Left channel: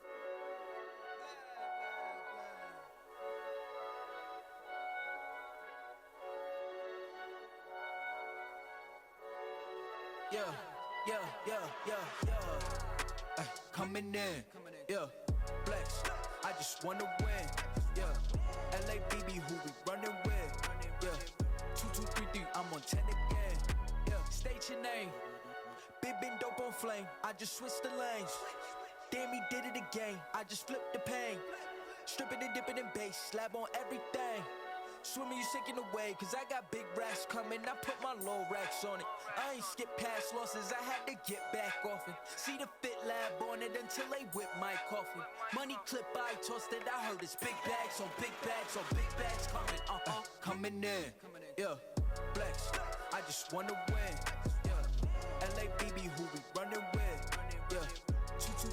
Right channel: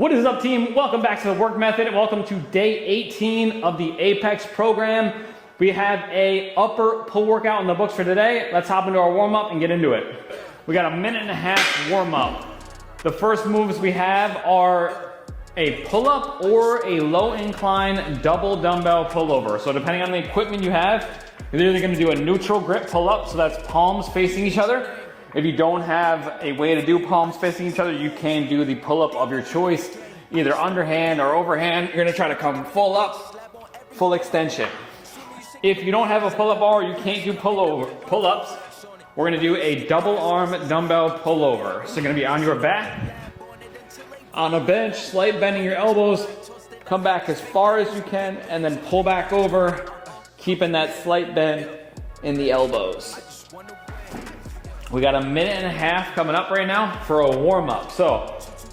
What is up, team? Welcome back to the work method and welcome to day 18 of the Apex program. We have a upper pull workout in the books for today. Let's hop into our warm-up and get into it. We got a minute and a half warm-up. The first moves we have are a pull-up or a low incline double dumbbell pullover. So depending on the equipment you have, you're either gonna do a neutral grip pull-up, so that's palms facing each other. If you don't have a way to do palms facing each other, you can do the pull-up of your choice, either underhand or overhand. You're gonna try to come full up, full extension. If you don't have a pull-up bar, you can't do pull-ups. We're gonna do a double arm dumbbell pullover. So you're gonna be on your back, on a bench, slight bending your elbows, come back as far as you can, and then pull back over, keeping that slight bend in the elbows. We got a minute and a half coming up right now for a warm-up. So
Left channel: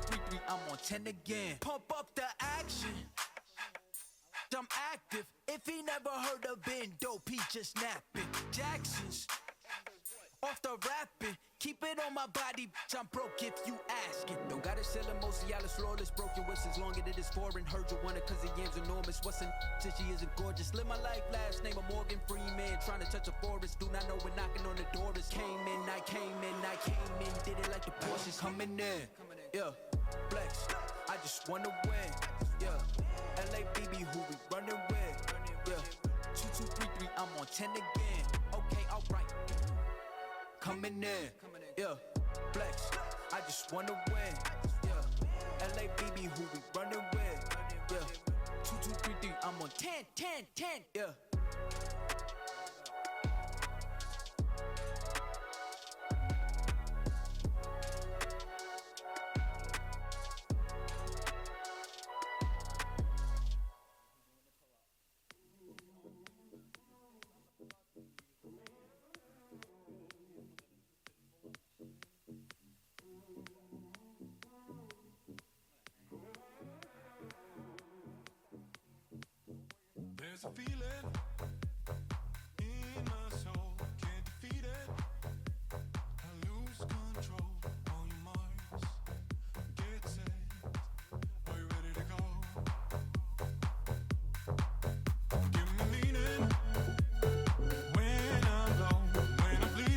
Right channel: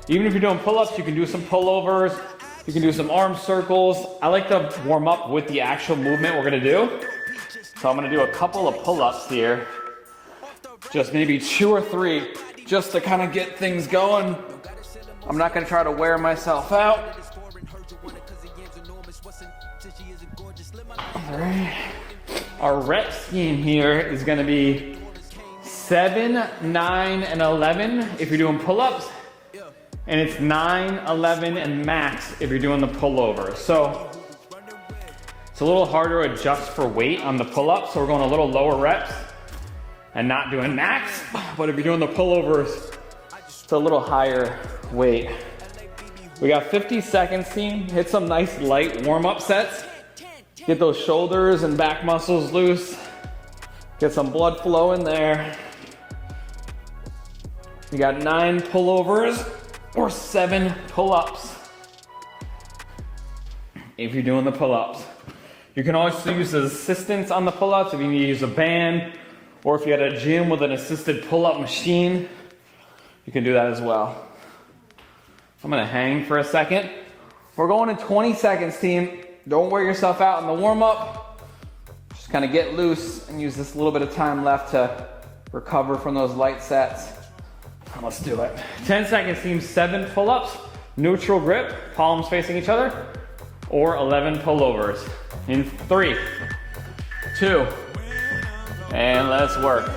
even if you're doing pull-ups, you can do some pullovers, you can do some arm circles. I like to warm up with the actual movement we're gonna do. So I'm gonna do a couple of pull-ups here. Just maybe 2 or 3, just to kind of get things going. I'm not gonna try to wear myself out. All right. Our rep scheme here is gonna be 7, 9, and 11 if you're doing pull-ups, and it's 9, 11, and max if you're doing the pullover. So it's a little harder to adjust for weight on the pull-ups, so we're going a little lower reps and not doing max. But if you're doing the pullovers, it's a little higher weight. We got 50 seconds, team. Hit some nice light warm-up sets. Get those shoulders and back muscles loose. Get some blood flow in there. You got 9 pullovers or 7 pull-ups if you're doing the pull-ups. You can also use assistance on the pull-ups if you need to use a band, or if you're at a gym with an assisted pull-up machine, you can do that as well. I'm gonna hang for a second. We're going in 20 seconds, team. Don't wear yourself out in the warm-up. Just kind of get loose and use this little bit of time left to recover from those light sets. Let's do it. 10 seconds, team. 7 pull-ups, neutral grip, palms facing each other, or 11 pullovers. In 3, 2, and let's work.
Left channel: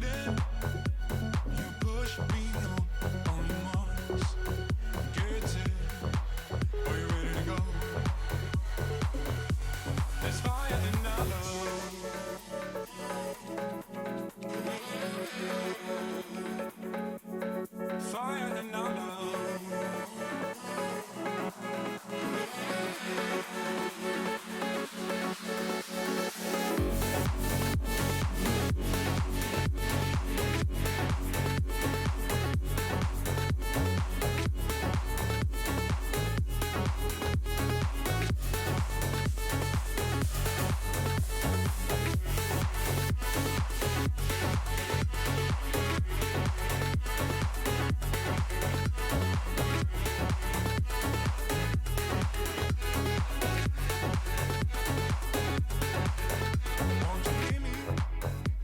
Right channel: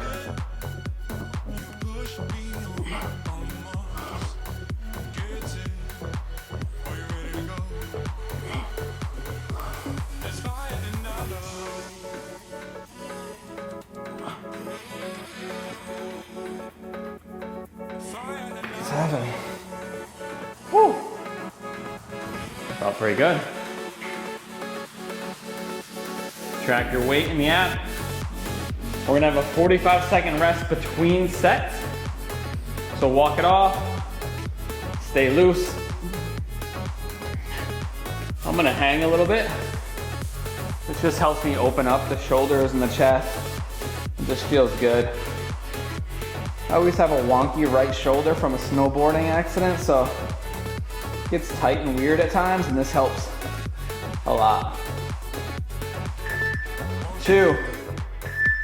Woo. Felt pretty good. Track your weight in the app. We're gonna have a 45-second rest between sets. So walk it off, stay loose. I'm gonna hang a little bit. This just helps me open up the shoulders and the chest. It just feels good. I always have a wonky right shoulder from a snowboarding accident, so it gets tight and weird at times, and this helps a lot. 2,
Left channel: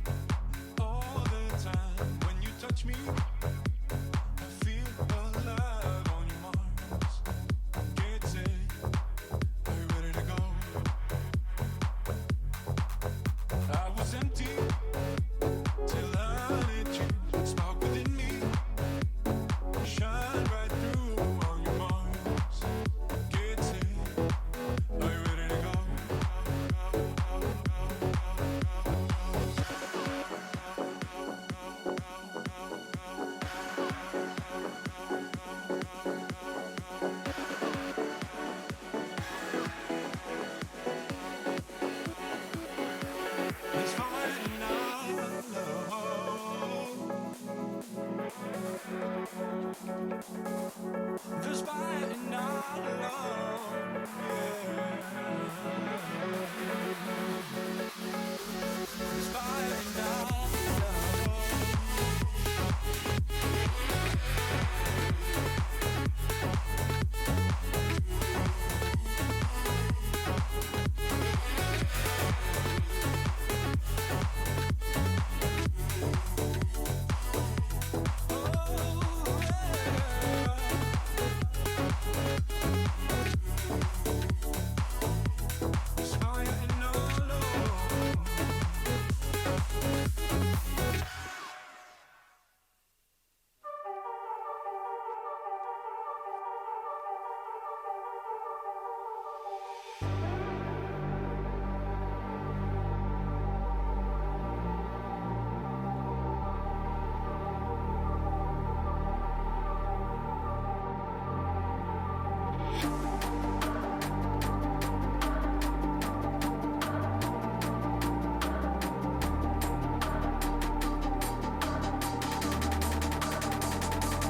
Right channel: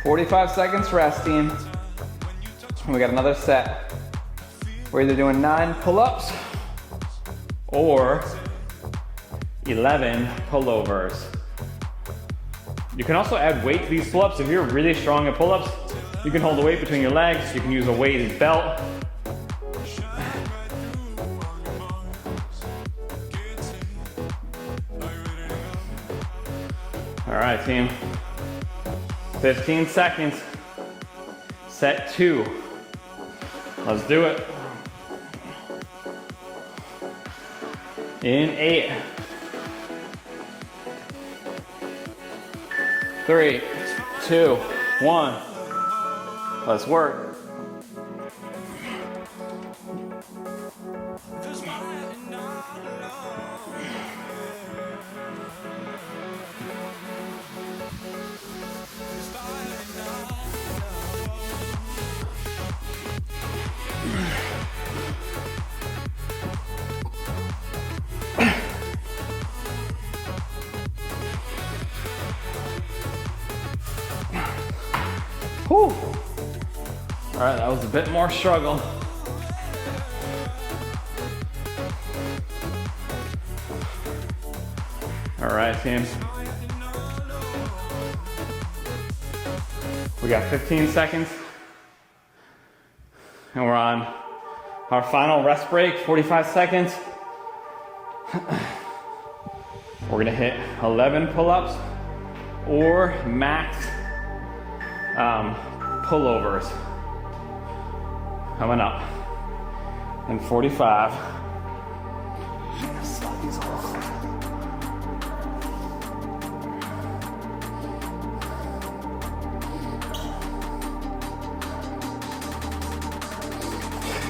45 seconds rest, team. We got another set. We're either doing 9 pull-ups or 11 pullovers. You can also add weight to these pull-ups. If you're really strong at pull-ups, you can hold the weight between your legs. You can use a weighted belt. All right, team. 15 seconds. Set 2. Let's do it. In 8. 3, 2, 1. Let's work. Whew. All right, that was a bit more struggle. All right, team. We got 15 seconds. And we're on our final rest break, 45 seconds. We're gonna hit 11 pull-ups or max pullovers. Coming up in 45.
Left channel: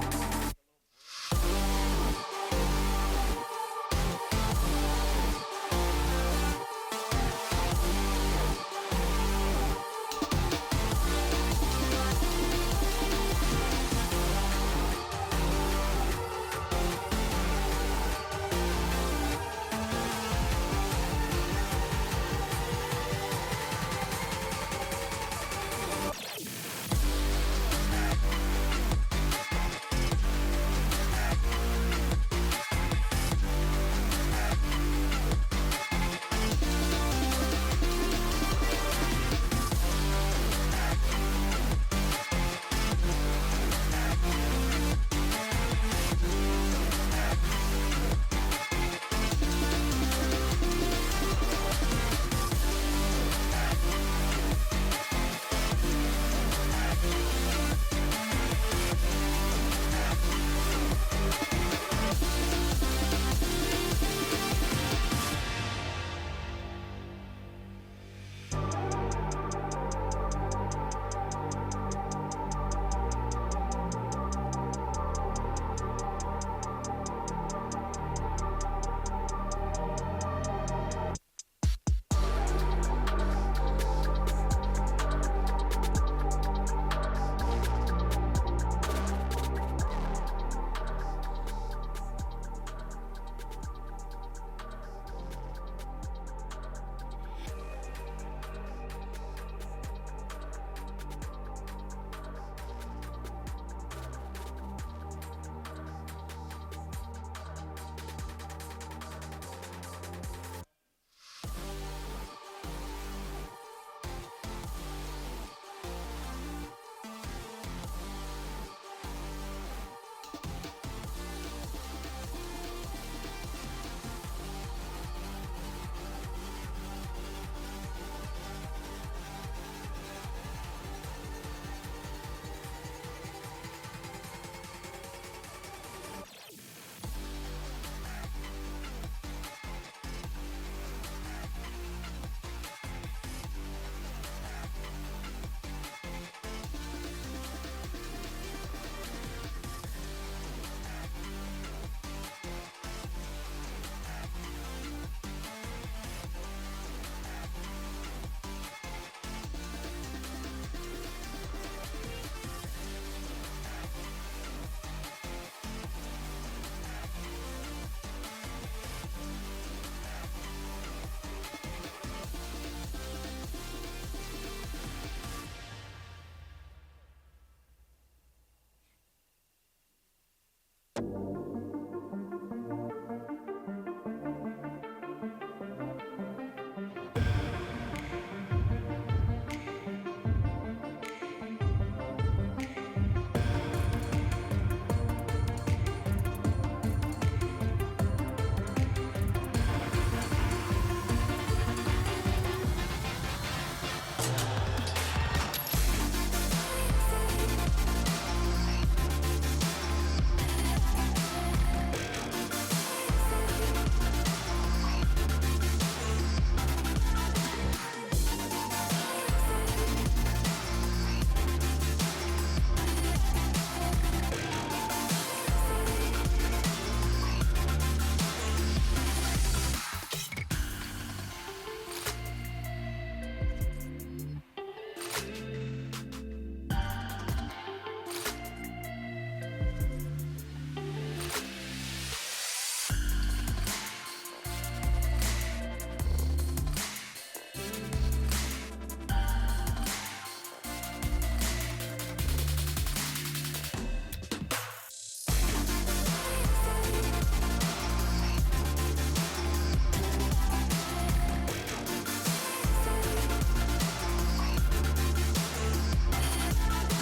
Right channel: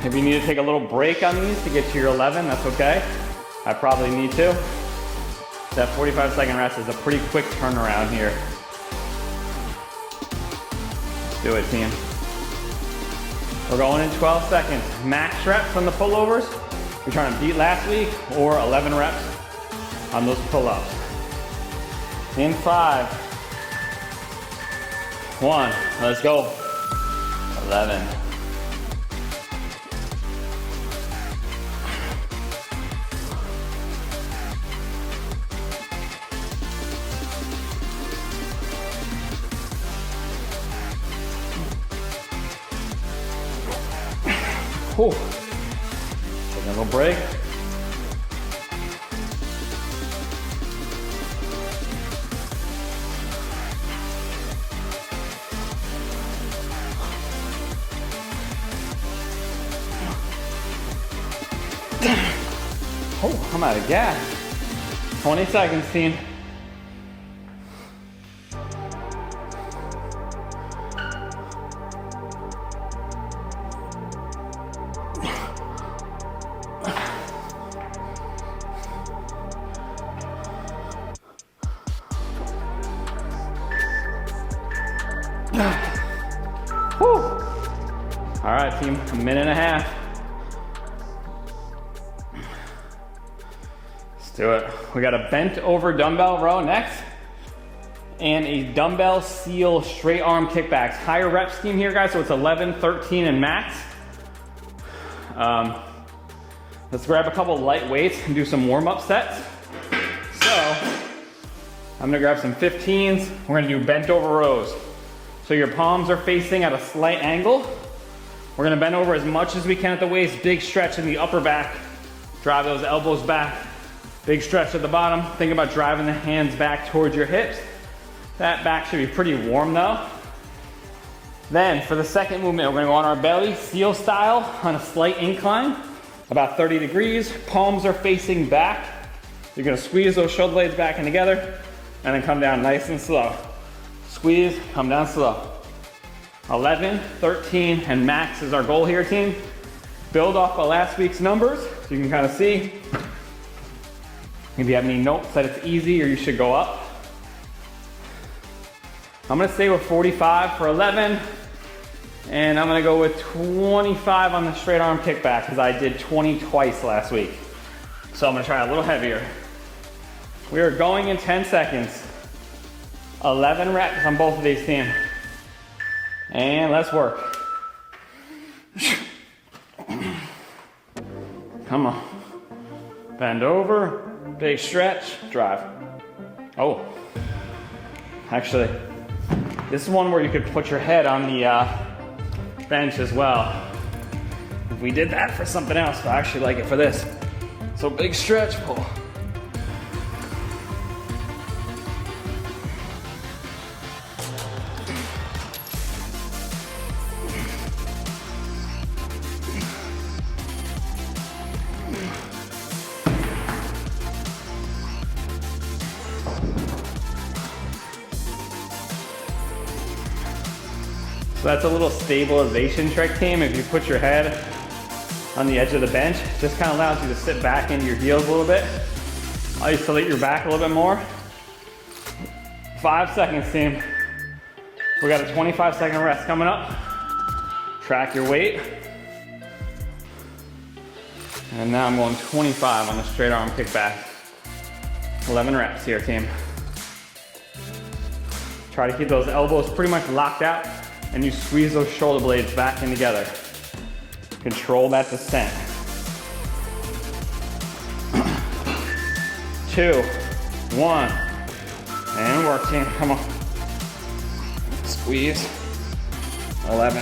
If you need to take a little break on these to get to your 11, that's okay. I probably need to. That 45-second rest is a pretty quick turnaround here. Do it, team. We're going in 12 seconds. Max reps on the pullovers. We're trying to beat last week, or 11 reps on those pull-ups. In 5, 1, let's go. 11. Whew. Take a little break. Oh, I'm out of gas. 20 seconds, team. Whew. All right, team, a minute and a half. Let's do it. We got a bent over dumbbell row next and a dumbbell seal straight arm kickbacks. Higher rep scheme here, guys, so it's 11, 13, and max. Let's grab a couple light weights and do some warm-up sets. So, I'm gonna grab some 15s. We're gonna do bent over rows. So your palms are facing at a slight angle. We're gonna bend over as much as we can at the waist, big stretch in the upper back. Drive those elbows back, big stretch at the bottom. Think about driving the hands back towards your hips. That back should be pretty warm though. Then for the second movement, we're gonna go on our belly, seal style, on a slight incline, about 30 degrees. Palms are facing back. You're gonna squeeze those shoulder blades back in together and then come down nice and slow. Squeeze, come down slow. 11, 13, and max is our goal here, team. Build off of last week's numbers so you can kind of see. If you have any notes that it's easy or you should go up. I'm gonna stay with 45 for 11, and I'm gonna go with 25 on the straight arm kickback because I did 20 twice last week. So I'm gonna try a little heavier. We are going in 10 seconds. 11 reps on both of these, team. And let's work. Come on. Bend over, big stretch, drive. Oh. Actually, this is one where you could put your head on the bench as well. We did that for something else, but I actually like it for this. So big stretch, pull. So that's a little stabilization trick, team. If you put your head on the edge of the bench, this kind of allows you to sit back into your heels a little bit. Isolate your back a little bit more. 5 seconds, team. We got a 25-second rest coming up. Track your weight. And now I'm going 25 on the straight arm kickback. 11 reps here, team. Try to keep those elbows pretty much locked out, and you squeeze those shoulder blades back in together. Control that descent. 2, 1. And work, team. Come on. Squeeze. 11.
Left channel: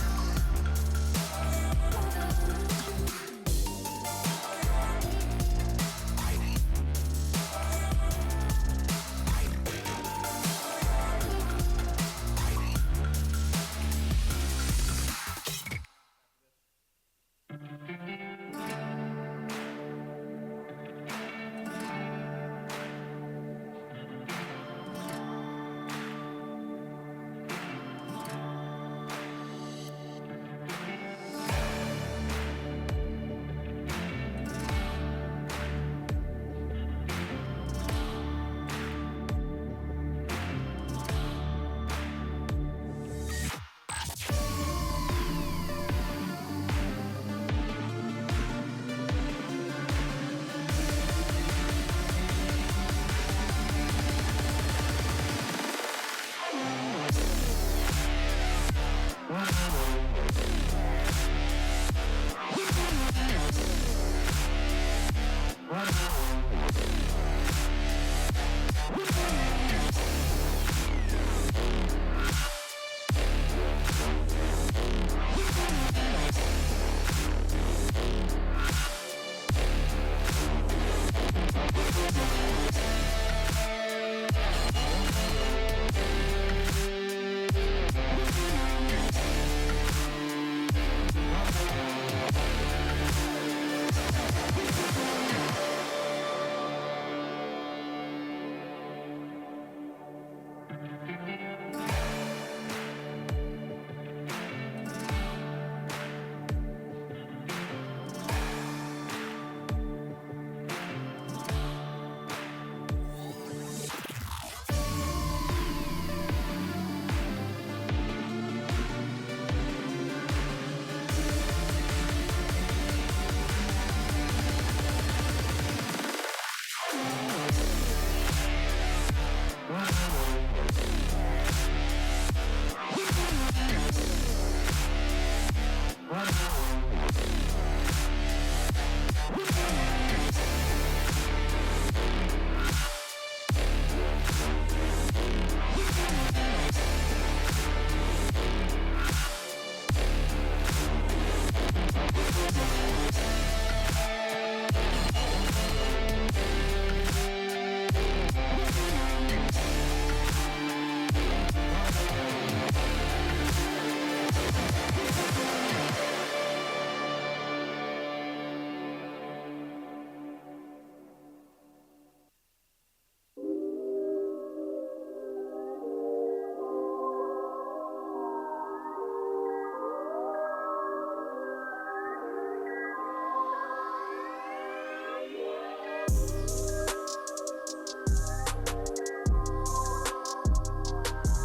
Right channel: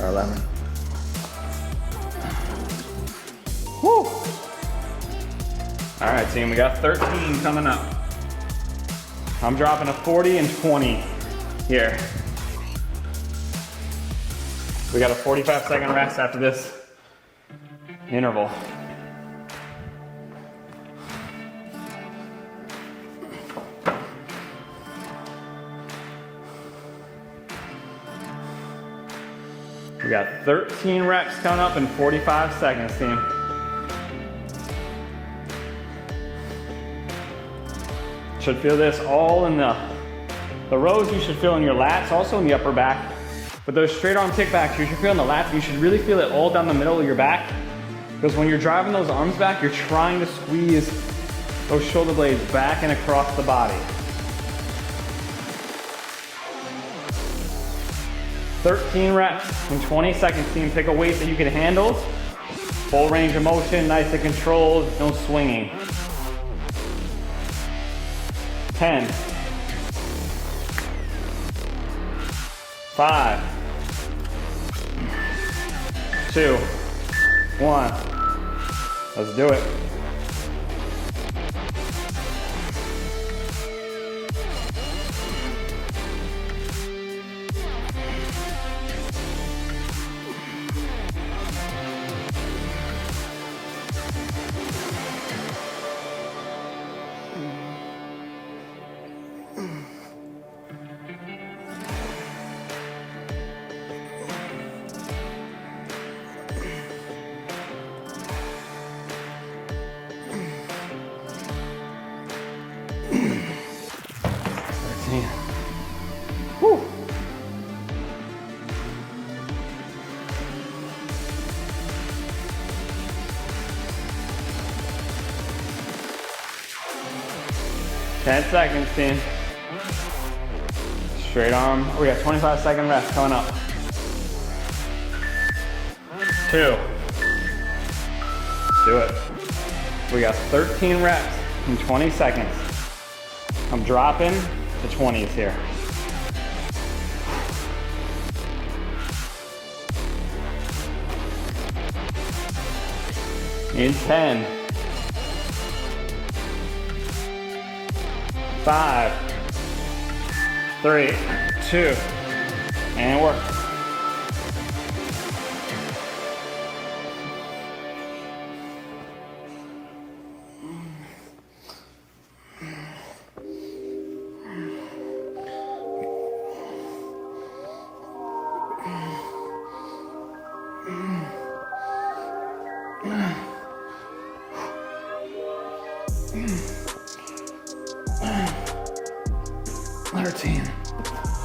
Or 11. Woo! All right, team, we got 13 coming up. I'm dropping a 40 and 20 here. We got a 45-second rest after this interval. We got 13 reps coming up in 45 seconds, team. Should feel this all in the rows. You should feel in your lats, also in the upper back. But those straight arm kickbacks, you should feel in the lats. You should really feel it all down the middle of your back. Because when you're driving those arms back, you're trying to squeeze those shoulder blades back and across the body. 13 reps in 20 seconds, team. Pick a weight that you can handle. Full range of motion, nice and controlled, no swinging. 10, 5, 2, 1. Let's do it. Woo. Ten seconds, team. Straight arm. We got 25-second rest coming up. 2. Let's do it. We got 13 reps in 20 seconds. I'm dropping the 20s here. In 10, 5, 3, 2, and work.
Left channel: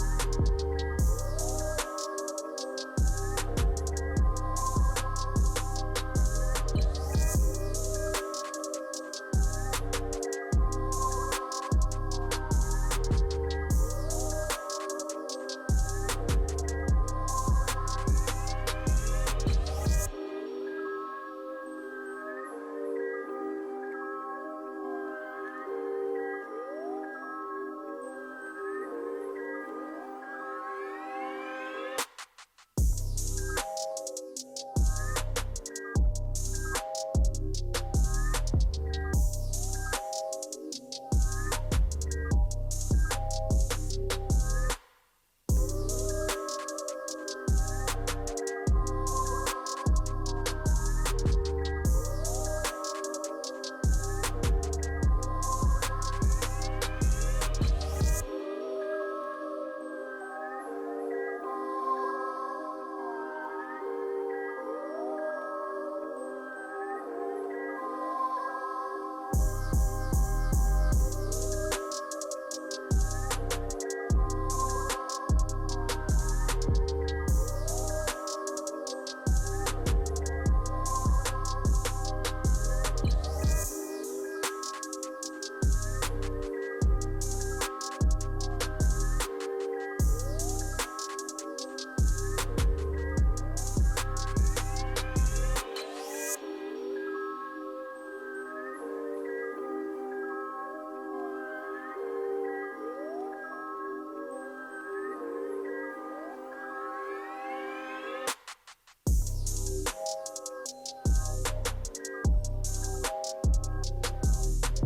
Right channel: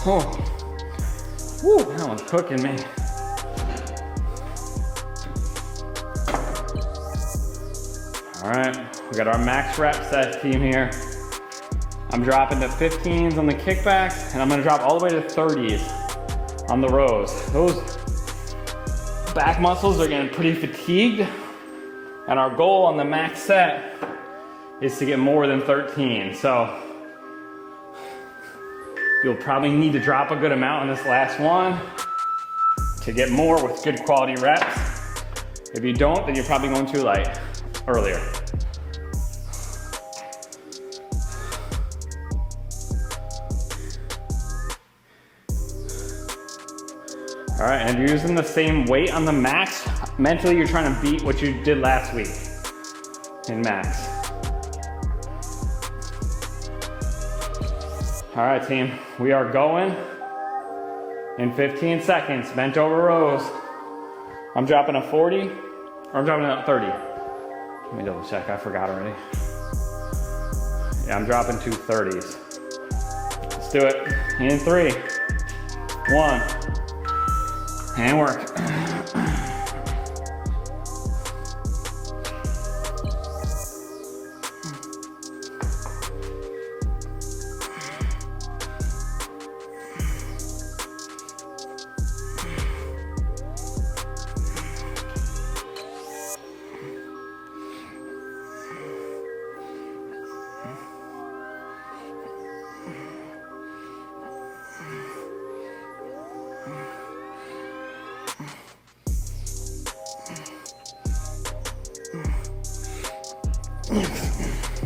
Oh, woo, that one's cooking me. All right, we got our max rep set team here. I'm dropping to 15s on the kickbacks, and I'm gonna drop all the way to 30s on the rows. Those back muscles are getting pretty fatigued, and our goal on the max set is to get more than 13. So you'll probably need to drop a good amount on this last one to get more with good quality reps. If you don't, then you're probably going too light earlier. All right, and if you're using the same weight on the max, mentally you're trying to beat what you did last week in max. All right, team, we are going in 15 seconds, bent over rows. I'm dropping a 40, or I'm dropping a 30. Let me double check, I forgot already. Yeah, I'm dropping 2 30s. Let's do it. In 3, 1, and work.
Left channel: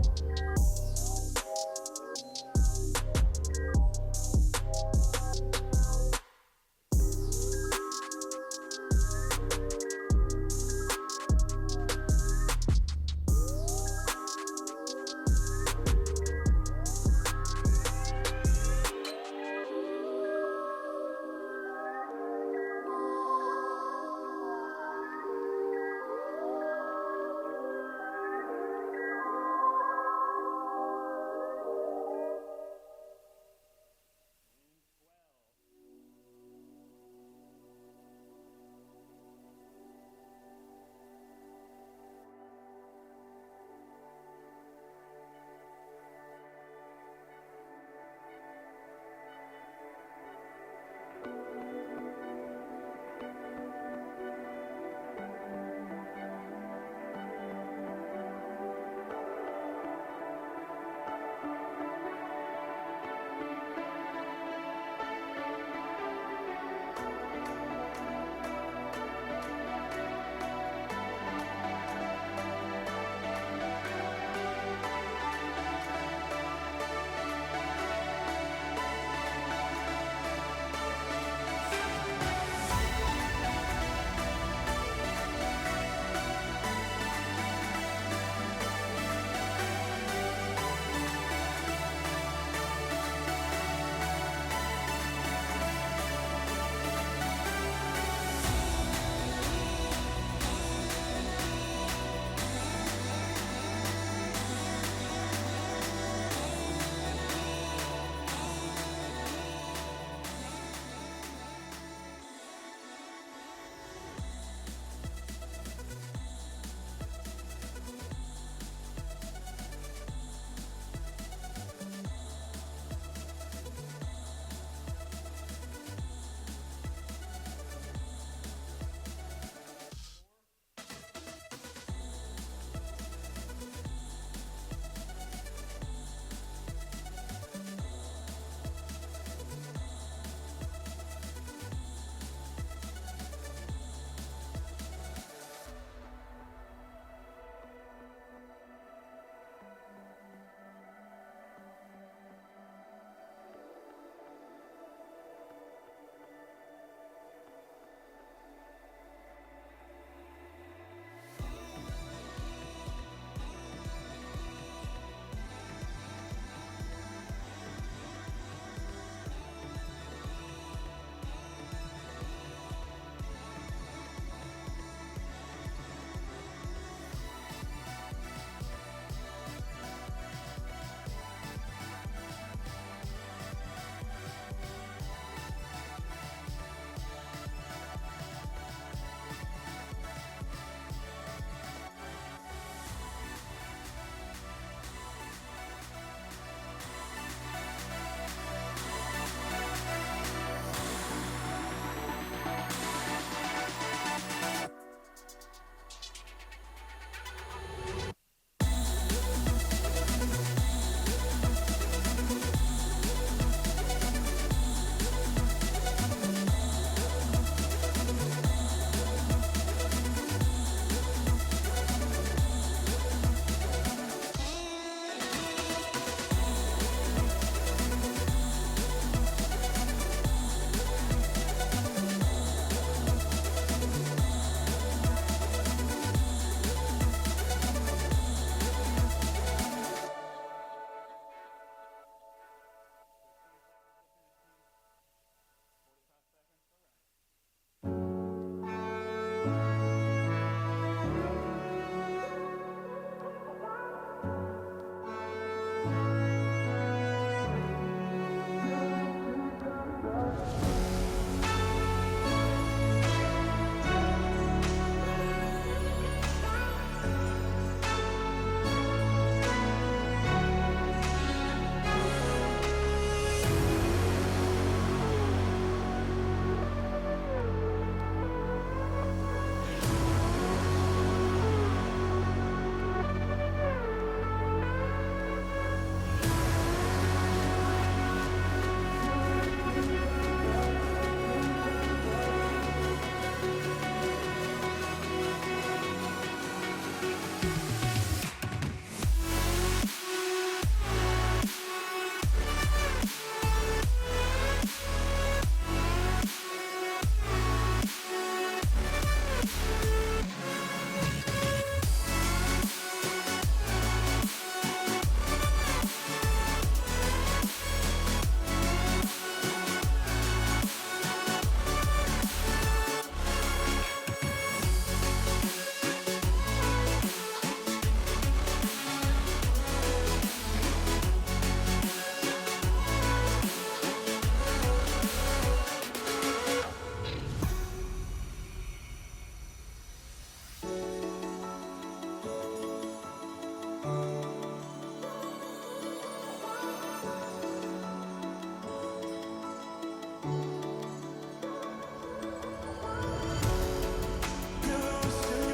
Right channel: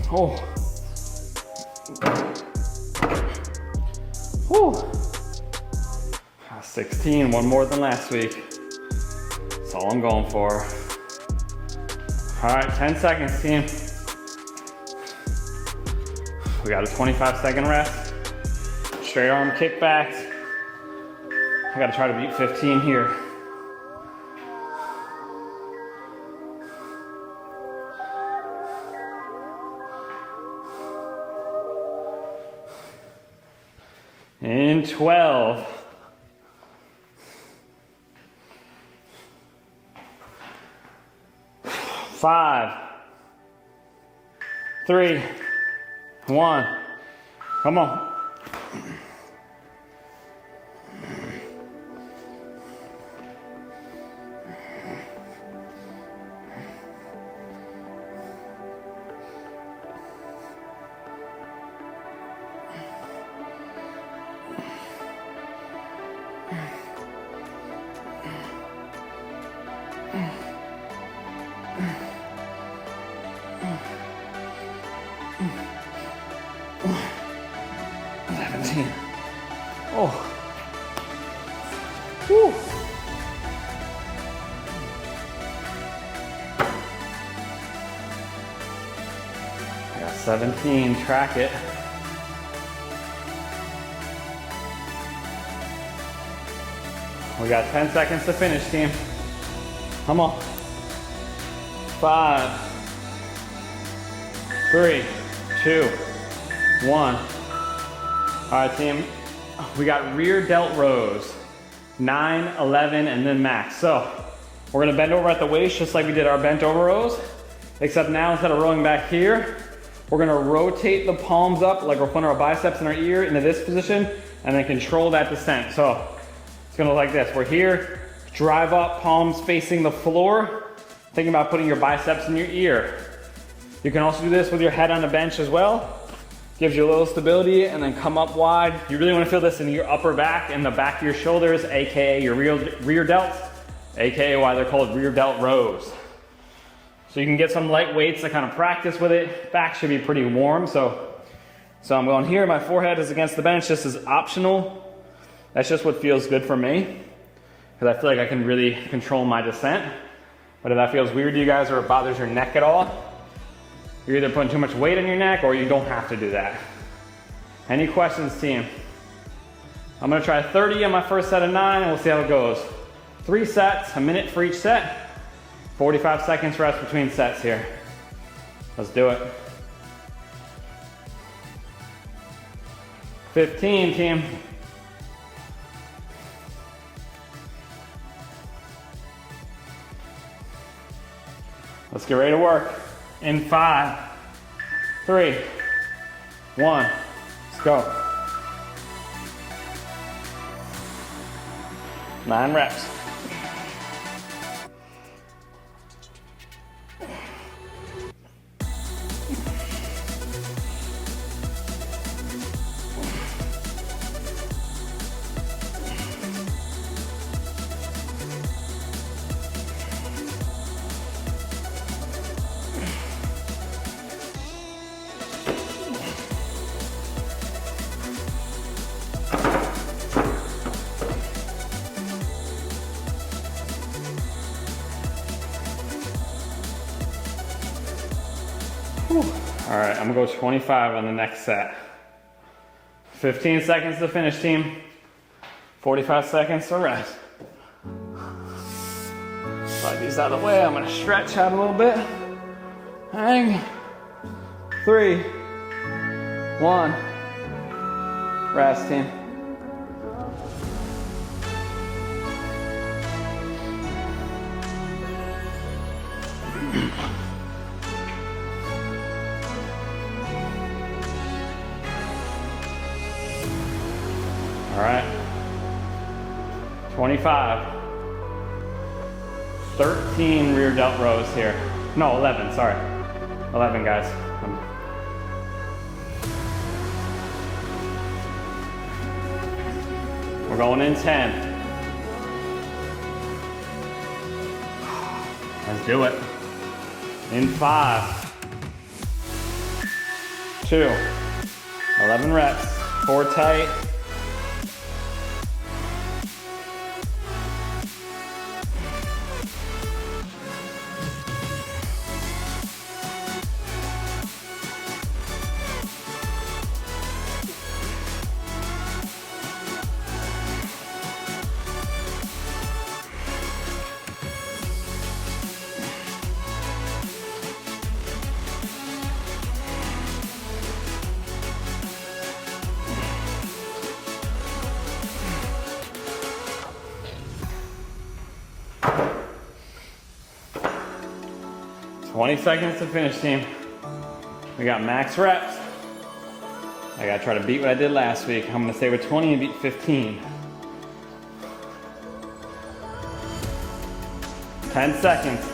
Oh. Whew. 16, one more than last week. That's all I'm going for. All right, 10 seconds, team. We got a 25-second rest. Straight arm kickbacks. I gotta try to beat 15 here. In 12. 5, 3, 1. Come on. Oh. Whew. Got 17, track it. We got 10 seconds to finish, team. Come on. 5, 3, 2, 1. All right, team. We got rear delt rows, 9, 11, and then max. So we're gonna bend over at the waist just like we did our bent over rows, except now instead of rowing back here, we're gonna rotate the palms up like we're putting our biceps in our ear into this position and then control that descent. So it's gonna look like this. We're here, drive up, palms facing the floor, thinking about putting your biceps in your ear. You can also do this with your head on the bench as well. Gives you a little stability and then come up wide. You really want to feel this in your upper back and the back of your shoulders, AKA your rear delts, AKA why they're called rear delt rows. So you can get some light weights to kind of practice with it. Back should be pretty warm. So I'm going here, my forehead is against the bench. This is optional. That's just what feels good for me because I feel like I can really control my descent. But if that feels weird to you guys or it bothers your neck at all, you're either putting too much weight on your neck or you don't have to do that. Any questions, team? I'm gonna try 30 on my first set of 9 and we'll see how it goes. 3 sets, a minute for each set. 45 seconds rest between sets here. Let's do it. 15, team. Let's get ready to work. In 5, 3, 1, let's go. 9 reps. All right, I'm gonna go 25 on the next set. 15 seconds to finish, team. 45 seconds to rest. Slide these out of the way. I'm gonna stretch out a little bit. Hang. 3, 1. Rest, team. All right, 25, 13 rear delt rows here. No, 11, sorry. 11, guys. We're going in 10. Let's do it. In 5, 2. 11 reps. Core tight. $20 seconds to finish, team. We got max reps. I gotta try to beat what I did last week. I'm gonna stay with 20 and beat 15. 10 seconds.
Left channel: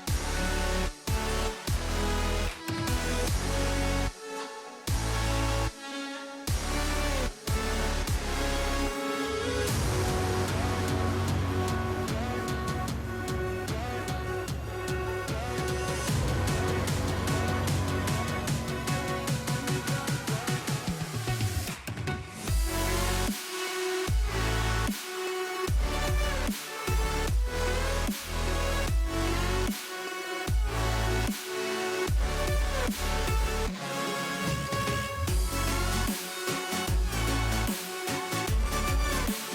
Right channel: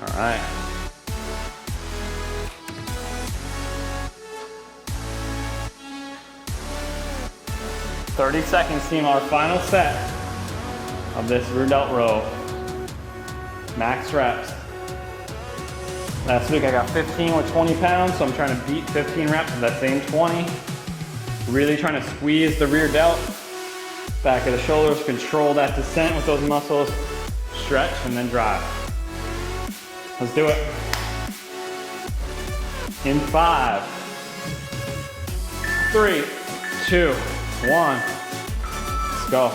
All right. 30 seconds, team, our final set of this rear delt row. Max reps. Last week I got 15 with 20 pounds, so I'm trying to beat 15 reps with that same 20. Really trying to squeeze the rear delt, back of the shoulders, control that descent with those muscles, stretch, and then drive. Let's do it. In 5, 3, 2, 1. Let's go.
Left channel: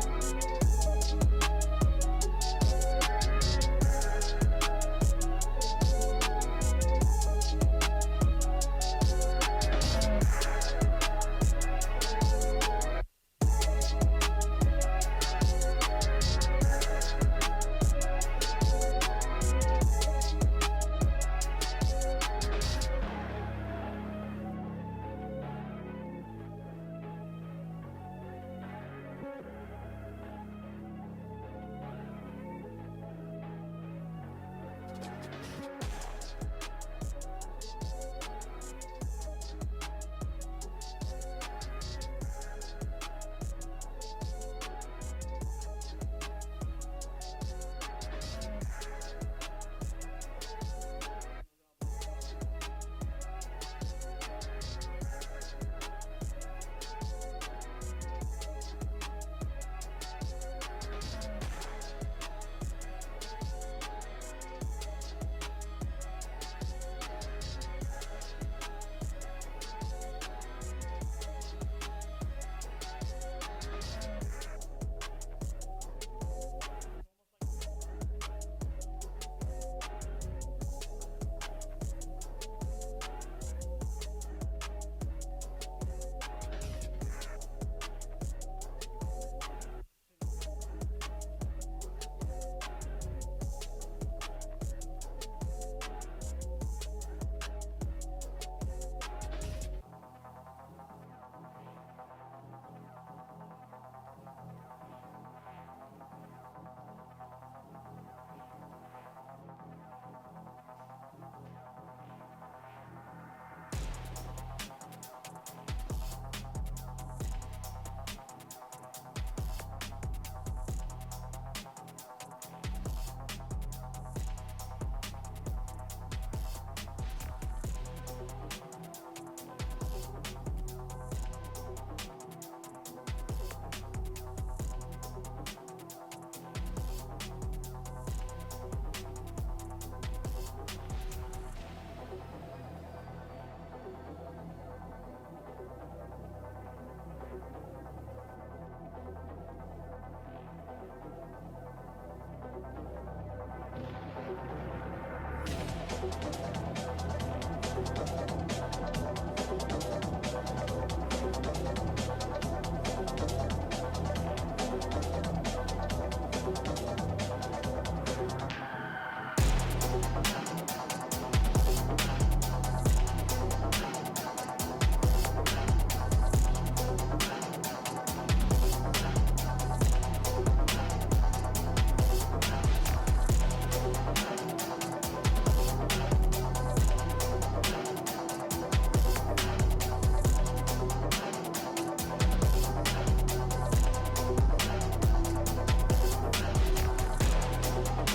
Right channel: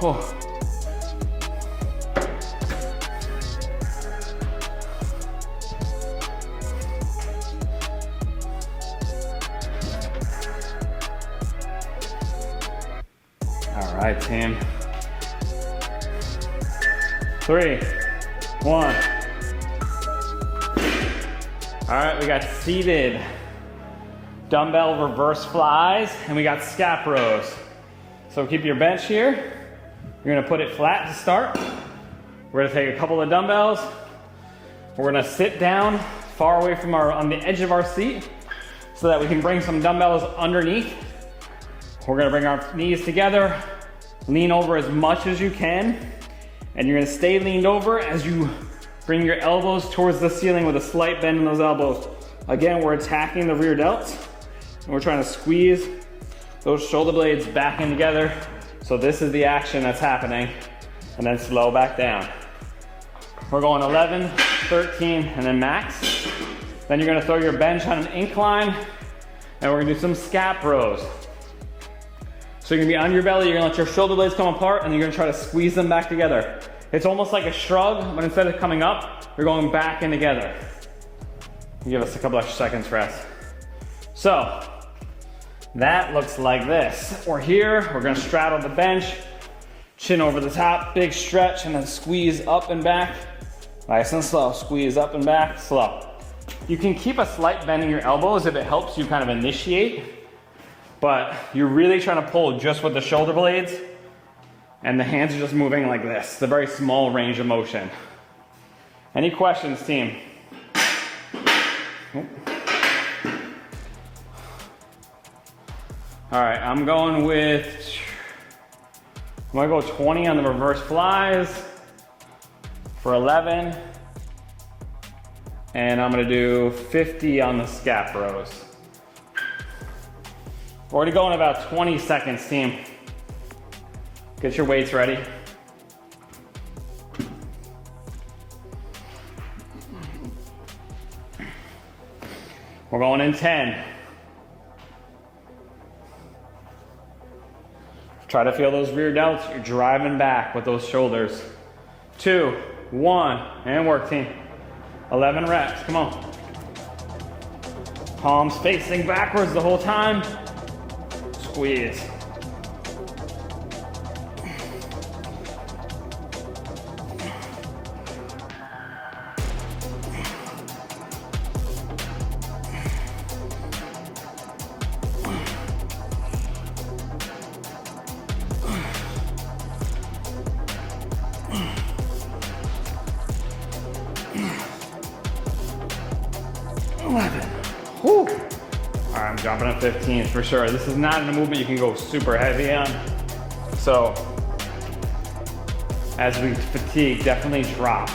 Oh. All right, team. 3, 1. All right, we got seated dumbbell reverse flies, and we got scap rows. So keep your bench here. You're gonna put it flat to start. We're gonna take a couple of dumbbells. We're gonna sit down far away from on the edge of our seat so that we can bring some dumbbells underneath. We're gonna bring our knees together, lean over as much as you can, and you're gonna stay leaned over as you bring your elbows towards the ceiling with a slight bend in those elbows. Again, we're attacking the rear delts, and we're trying to squeeze those shoulder blades back in together. So this is the action that's happening, and then slow back down. We're going 11, 13, and then max. Then you're gonna throw your bench on an incline, and we're gonna do some scap rows. So you're gonna be on your belly, you're gonna let your shoulder blades come apart, and you're gonna try to squeeze them back together. It's almost like a shrug, but instead of coming up, you're going back in together. Give us a couple extra seconds rest. So, that looks like this. We're here, we're gonna straddle the bench, chin over the top, big stretch, and then squeeze up and back. Nice and slow, squeeze up and back, slow. You can keep a slight bend in your elbows if it helps you kind of initiate, but you're really trying to pull just with the shoulder blades, and the hands are just moving like this. It's a very small range of motion. Any questions, team? All right, I'm gonna go 20 on the reverse flies for 11. And I'm gonna do 50 on the scap rows. We're already going about 20 seconds, team. Get your weights ready. We're going in 10. Try to feel those rear delts. You're driving back with those shoulders. 2, 1, and work, team. 11 reps, come on. Palms facing backwards the whole time. Squeeze. Whew. All right, I'm dropping on 15 for sure. This is not a movement you can go super heavy on. So as we fatigue, definitely drop.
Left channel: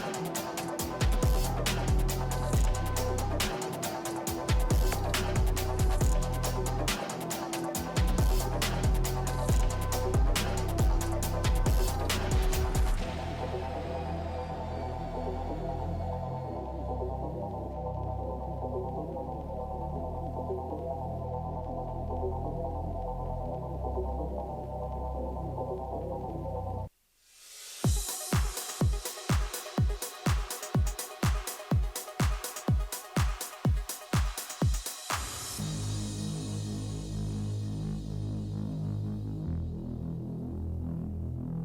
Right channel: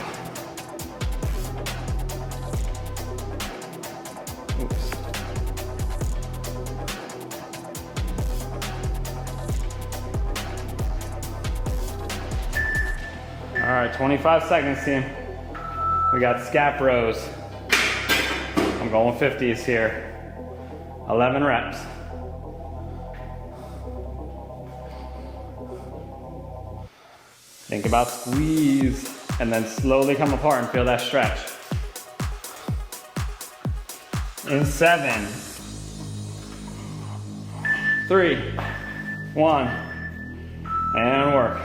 Oops. All right, 25 seconds, team. We got scap rows. I'm going 50s here. 11 reps. Think about squeeze and then slowly come apart and feel that stretch. In 7, 3, 1, and work.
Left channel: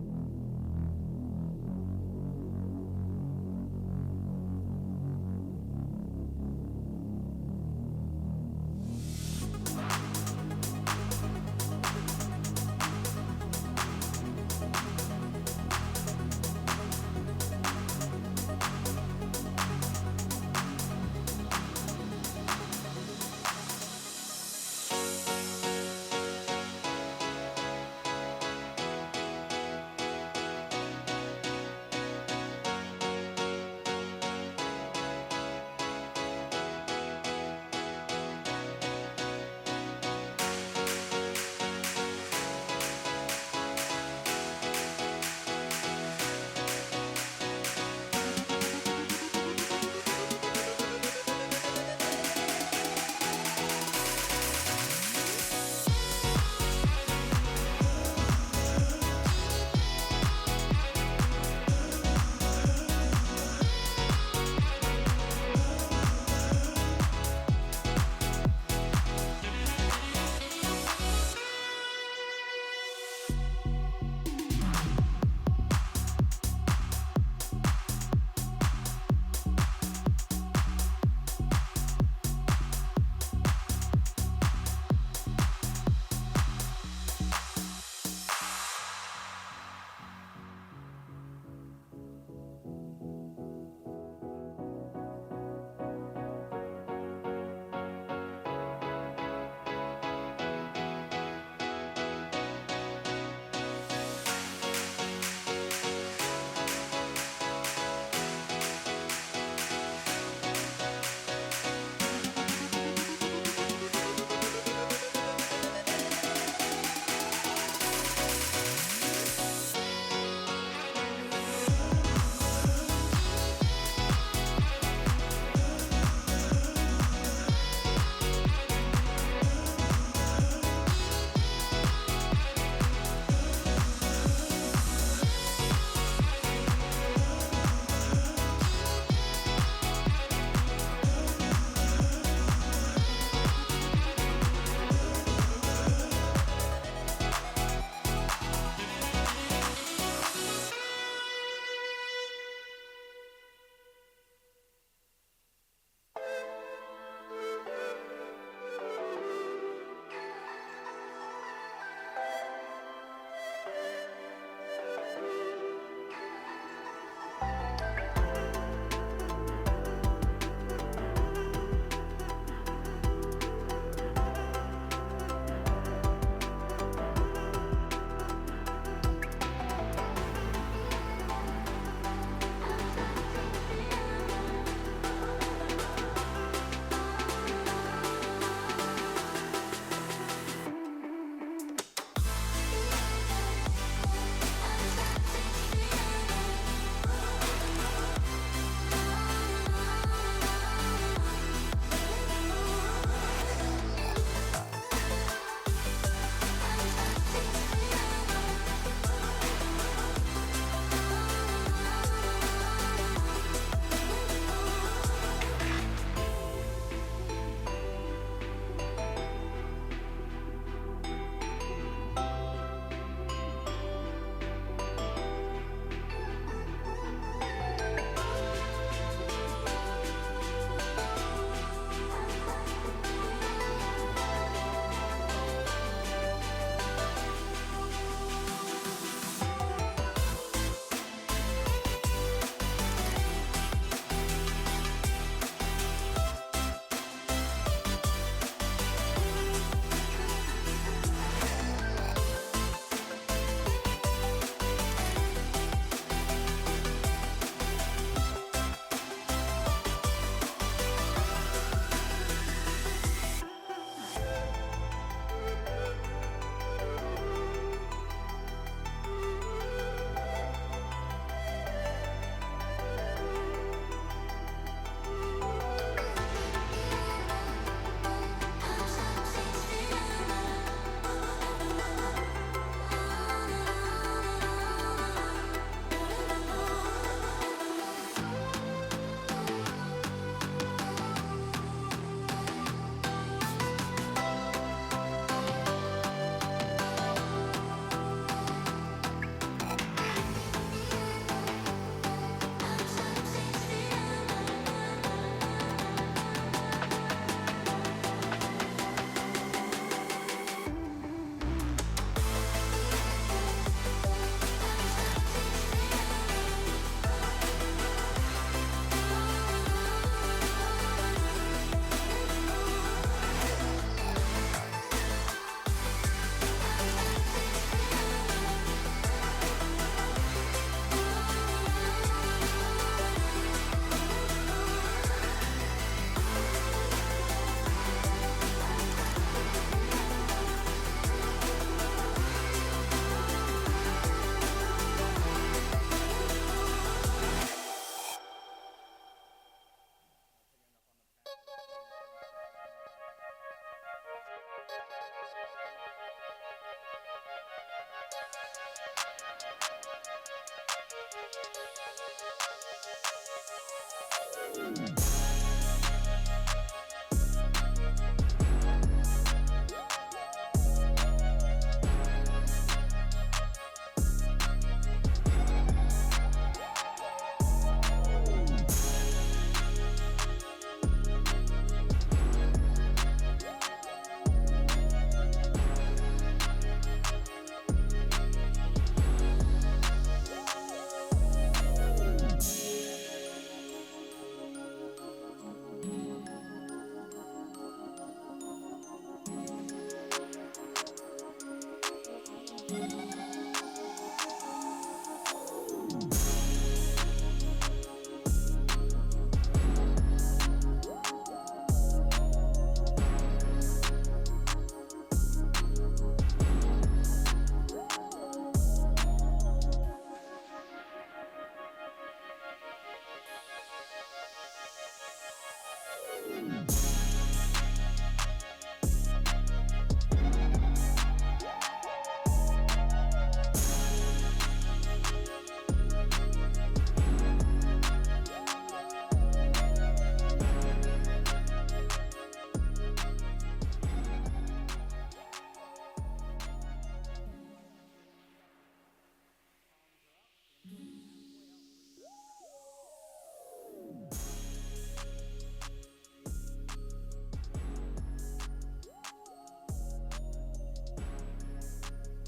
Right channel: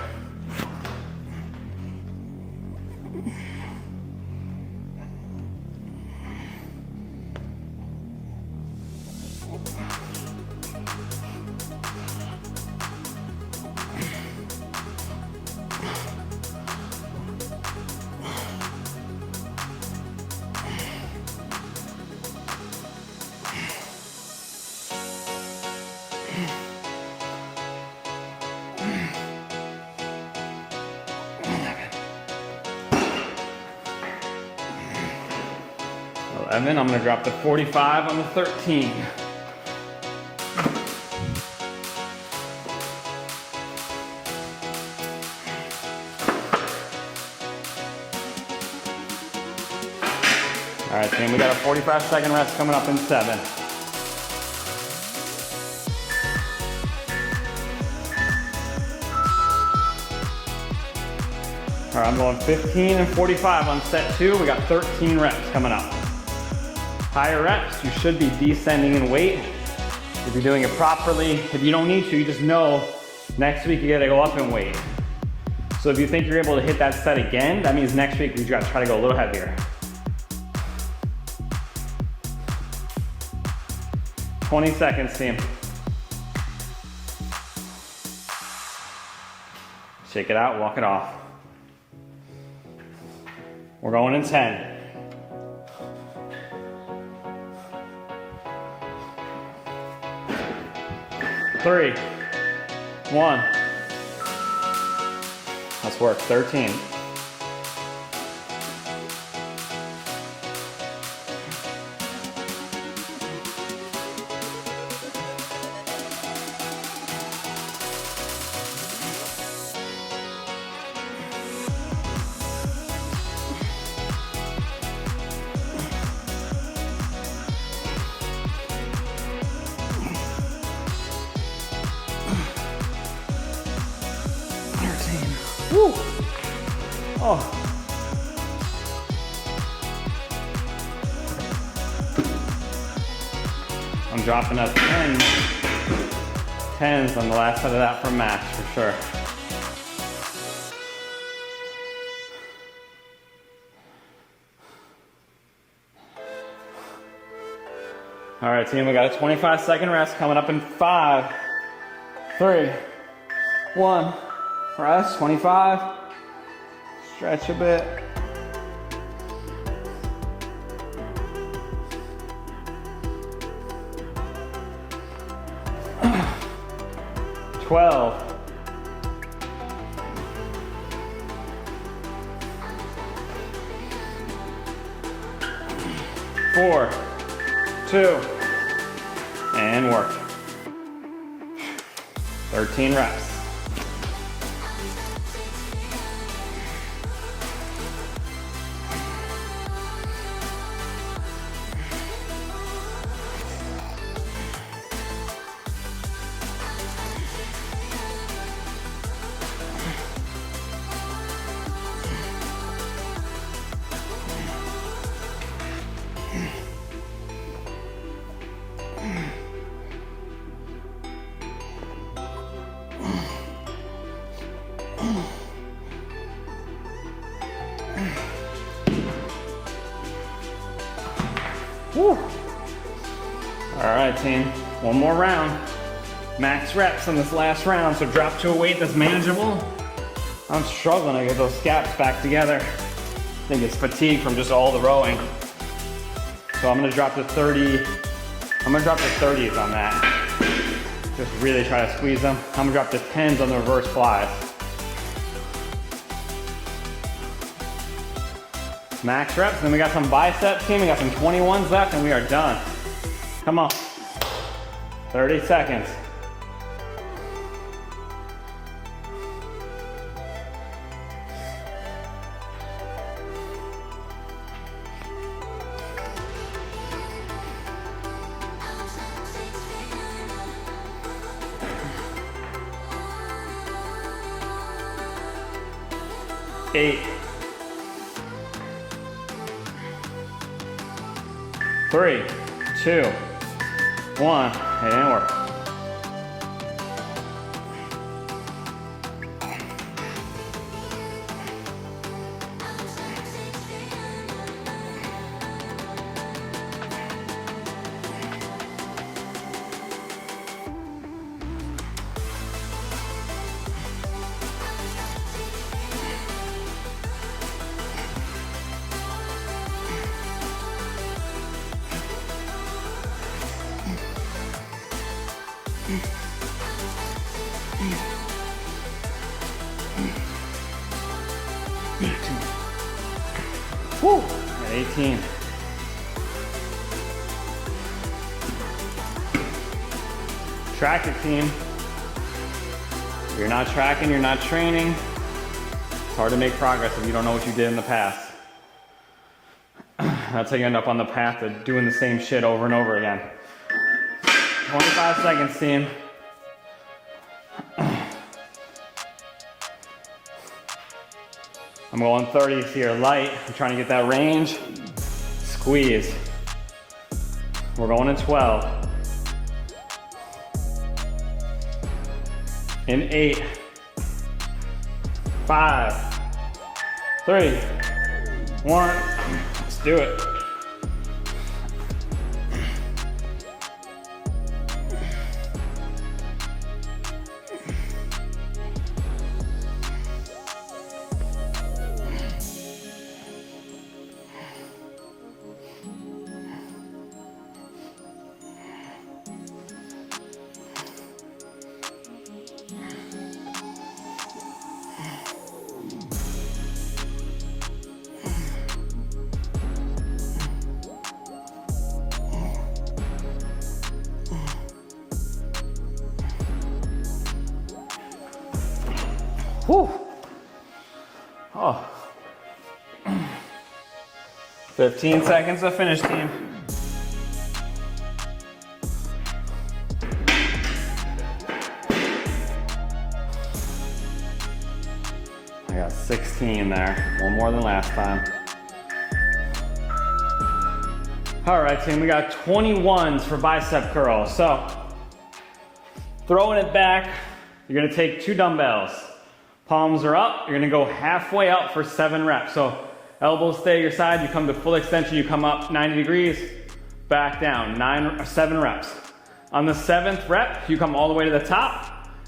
I'm gonna drop to 45 on the 13. All right, team, we got a 45-second rest coming up in 7. All right, I'm going 15 and 45 on set 2. We got 13 reps coming up. Higher reps, you should be descending in weight. If you're doing it properly, if you don't need to, you just know next week you gotta go up in weight. So if you think you're able to hit that set again, that means next week we gotta try to go a little heavier. 20 seconds, team. Shake it out, walk it off. We're going in 10. 3, 1. Let's work. 13. Woo. Oh. I'm dropping at 10. 10s on the last side of that for max, for sure. All right, team, we got a 25-second rest coming up in 5, 3, 1. Rest, 25. Stretch a bit. 12. 4, 2, and work. 13 reps. Woo. All right, team, one more round. Max reps in this last round, so drop to a weight that's manageable. I'm struggling to get those scaps back together. I think it's fatigue from just all the rowing. So I'm gonna drop to 30. I'm gonna drop to 30s on that. Just really try to squeeze them. I'm gonna drop to 10s on the reverse flies. Max reps, then we got some biceps, team. We got some 21s left and we are done. Come on. 30 seconds. Eight. 3, 2, 1, and work. Woo, 18. Track it, team. If you're not tracking, you're not training. It's hard to make progress if you don't know what you did in the past. That's how you end up on the path of doing the same shit over and over again. 25 seconds, team. I'm going 30s here, light. I'm trying to get that range. Squeeze. We're going in 12. In 8. 5. 3. 1. Let's do it. Whew. Oh. 15 seconds to finish, team. I got 16 there, one more than last time. All right, team, we got 21s for bicep curls. So, throwing it back, you're gonna take 2 dumbbells. Palms are up, you're gonna go halfway up for 7 reps. So elbows stay at your side, you come to full extension, you come up 90 degrees, back down, 7 reps. On the 7th rep, you come all the way to the top,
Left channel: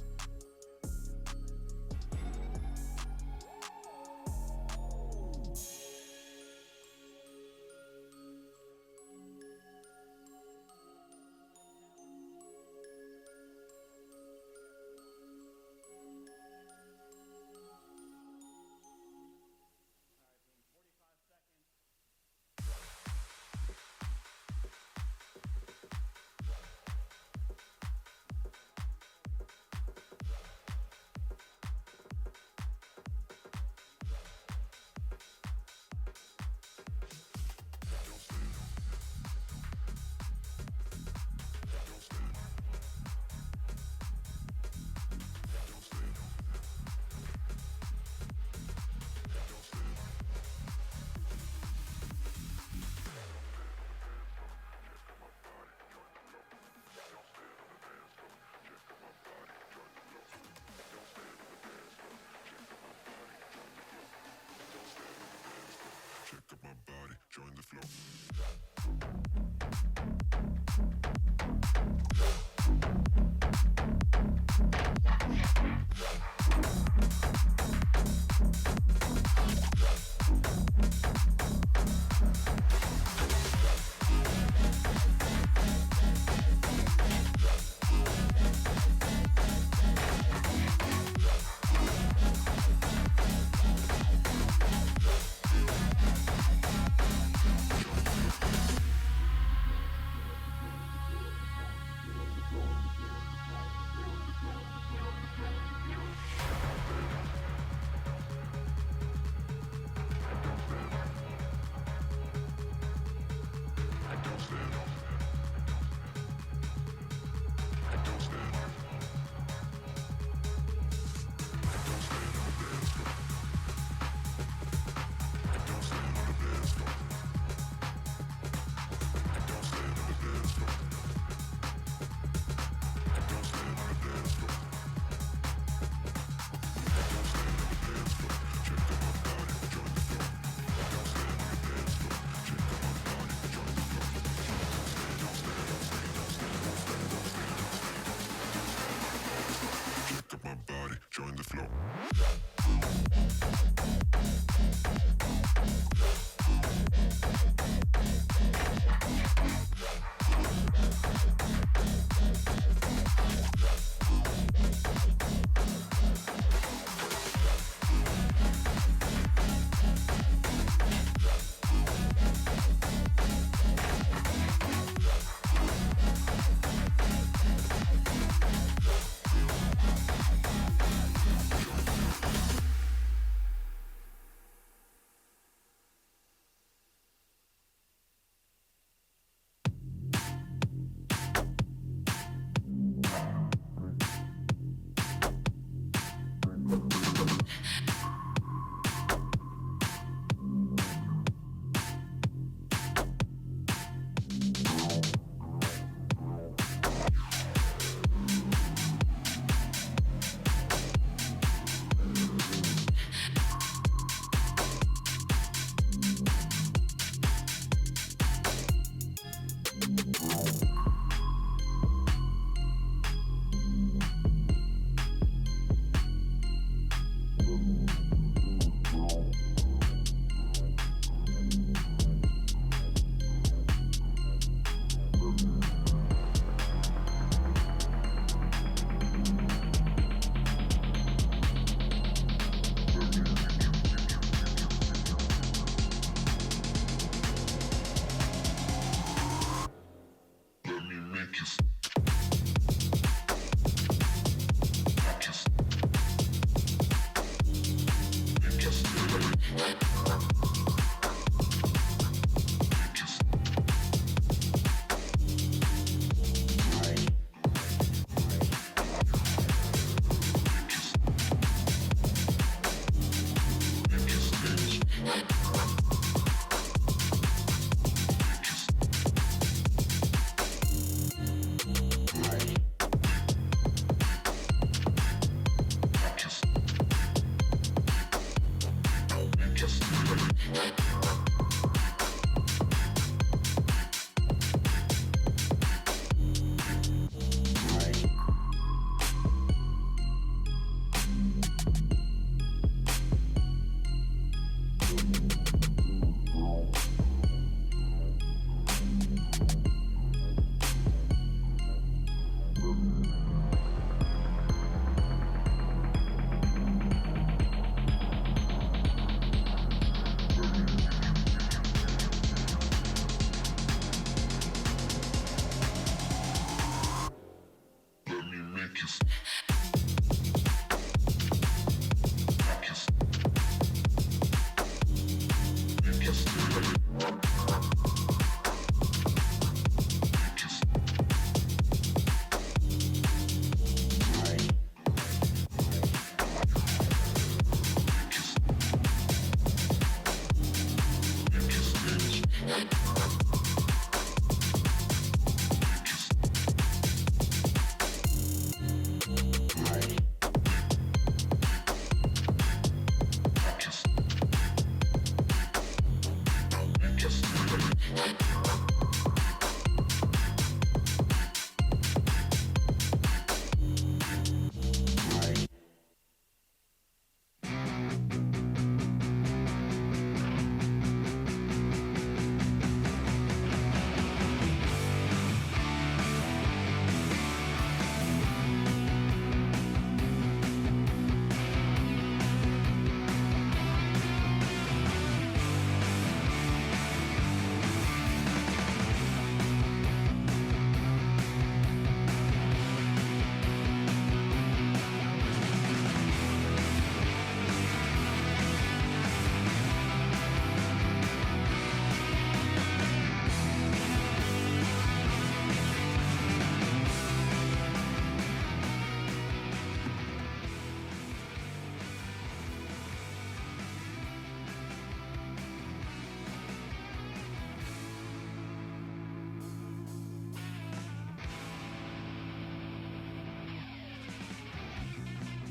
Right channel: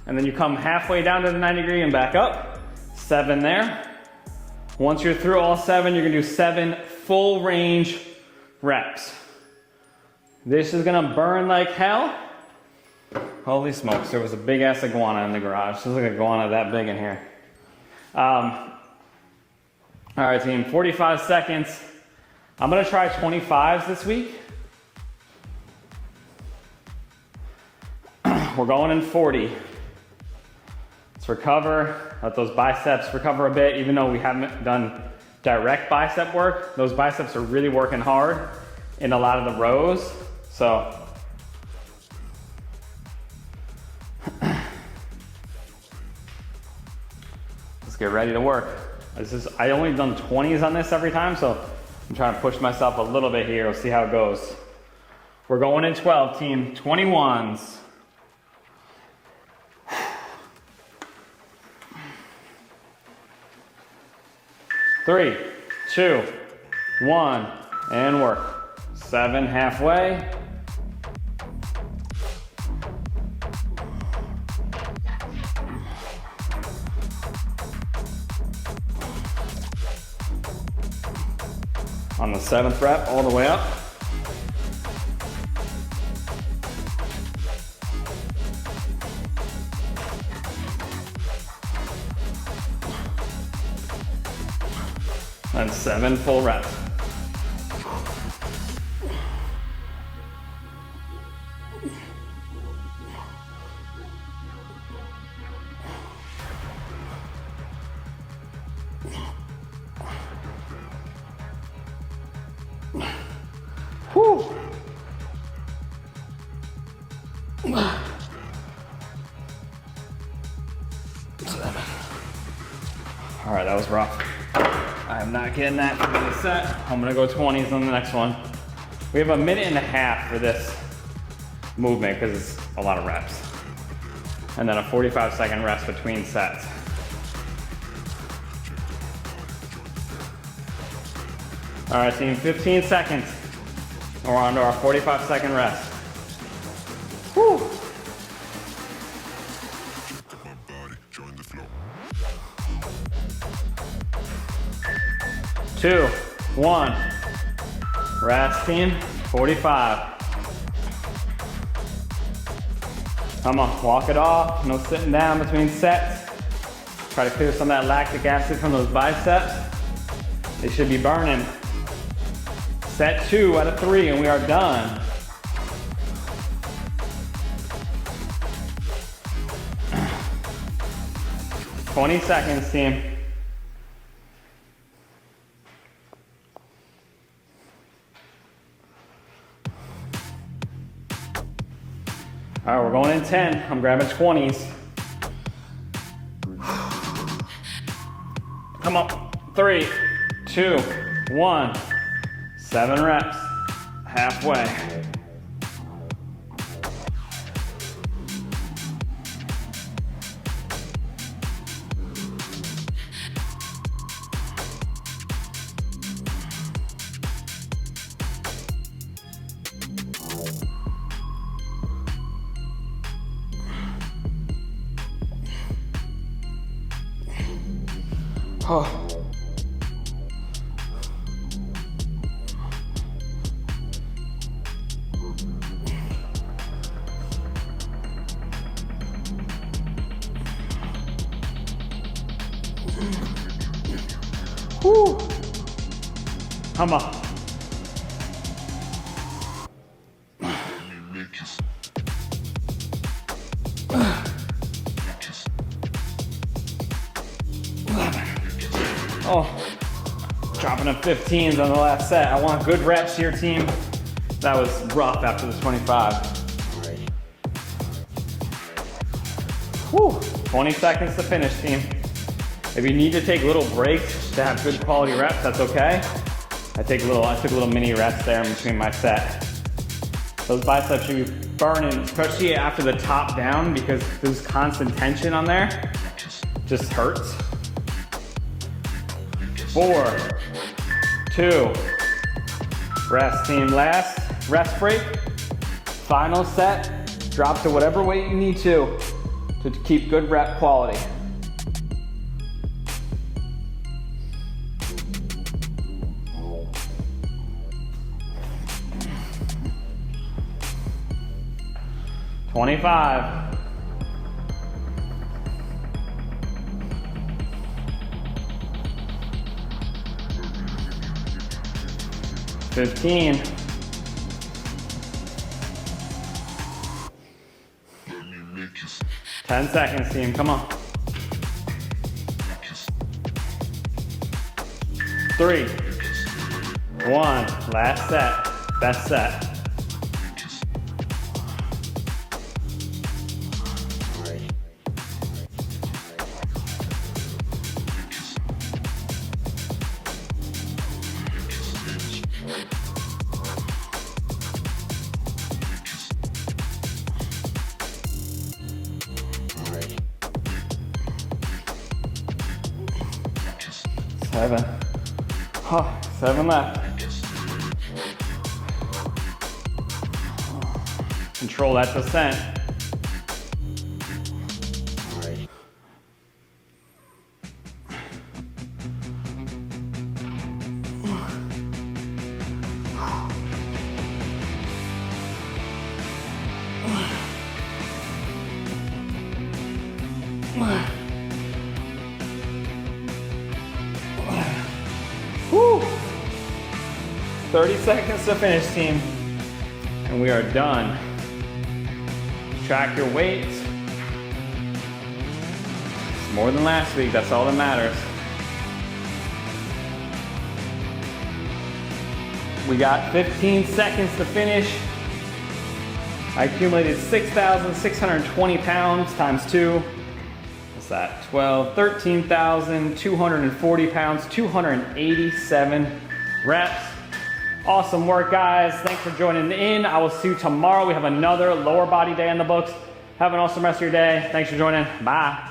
and then you come halfway down to the 90 degree and back up, 7 there. Once you're through all 7, you're gonna do 7 full range reps. This is gonna burn like hell. Holy smokes, there was a big ass iguana in the garage. There's like an iguana that big in here. All right, team, 45 seconds. I'm gonna try 25s this week. We're going in 40. Let's recover, let those biceps recover a bit, even though we haven't done direct bicep work. Those biceps are really working hard in a lot of the rows, so. Let's get ready to work. I only done 20s on this every time, so I'm trying to push myself a little bit here. We'll see how it goes. We're going in 12, team. 21s. Three, 2, 1, and work. 7, halfway. On the 7th rep, all the way up. And 7 full reps. Whew. All right, that was rough. I'm not getting that for the set. I'm gonna go 20s on the next one. We have a minute and a half for this movement because it's a lot of reps. And then a 45-second rest between sets. All right, team, 15 seconds. We're on to our 45-second rest. Woo. 2, 1. Rest, team. 45. Come on, walk it off. No sitting down between sets. Try to clear some of that lactic acid from those biceps. It should be burning. Set 2 out of 3 and we are done. $20 seconds, team. All right, we're going in 10. I'm grabbing 20s. Come on, 3, 2, 1. 7 reps, halfway. Oh. Woo. Come on. Oh, dropping up 15s on the last set. I want good reps here, team. That was rough after the 25. Whew. 20 seconds to finish, team. If you need to take little breaks to have good quality reps, that's okay. I took a little mini reps there in between my set. Those biceps should be burning, especially after the top down, because there's constant tension on there. Just hurts. 4, 2, rest, team. Last rest break. Final set. Drop to whatever weight you need to keep good rep quality. $25. 15. 10 seconds, team. Come on. 3, 1. Last set. Best set. Seven left. Control that descent. All right. Woo. 30 seconds to finish, team. And we are done. Track your weight. More than last week, that's all that matters. We got 15 seconds to finish. I accumulated 6,620 pounds times 2. What's that? 12, 13,240 pounds, 287 reps. Awesome work, guys. Thanks for joining in. I will see you tomorrow. We have another lower body day in the books. Have an awesome rest of your day. Thanks for joining. Bye.